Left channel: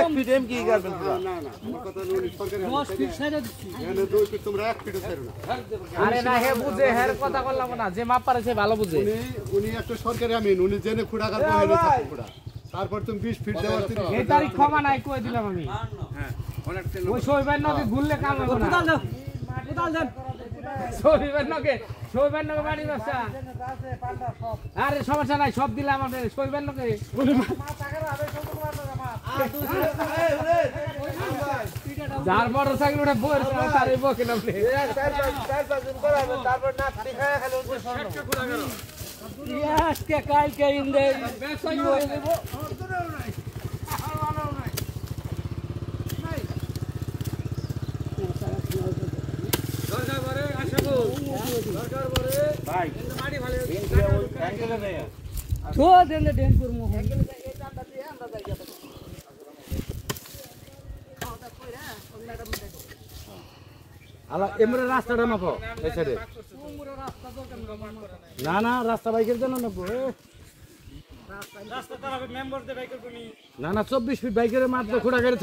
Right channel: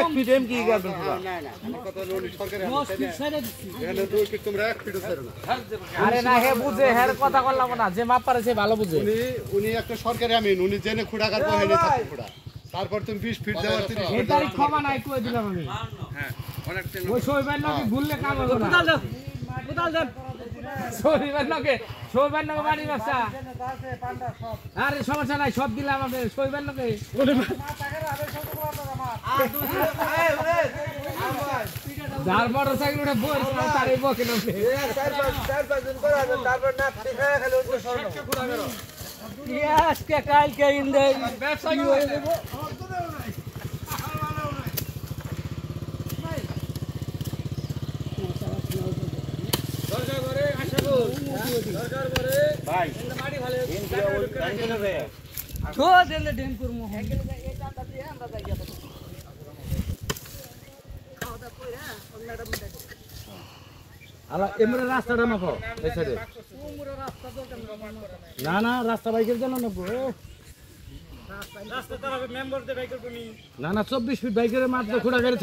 এক fit M কি করবেন পুরো না না আমার কথা হলো উনি সরকারি 10 ফিট সাইডে দিচ্ছি এনে 2 ফিট তোমরা 1 ফিটও ছাড়ো না আরে না হে বুঝে হের কথা বললাম না যে মাপ পারে সে ভালো বুঝে উনি একটা সরকারি আমিন উনি জেনে খুঁড়া কাটবো হেনে থাকবে খুঁড়া তারপর তুমি 20 ফিট দেওয়ার 30 এই তারিখ ক্ষমা নাই কই দিলাম আমি হ্যাঁ অনেক ওই শোইবার নাকি ভুললে কাম হবে না কোদাল দেন শোইবার নাকি বাড়ি ব্যবসা আরে সমস্যা নাই সব দিলাম আপনি শোইবার নাকি যার মোটরসাইকেল ওটা বই তার এই বকেন আপনি আজকে কালকে ইন্দে ব্যবসা হয়ে দেব দরকার করে আশা কর দরকার করে ভাই মাটি ভালো তো দেন ডেম করমু আলা এমরে রাস্তাটা মাপো এই সাইডে না না রাস্তা বাইকের জন্য না রাস্তা তার মেম্বার দে বাইকের কোনি না না 24 ফিট বাইকের মাত্র খোড়া করে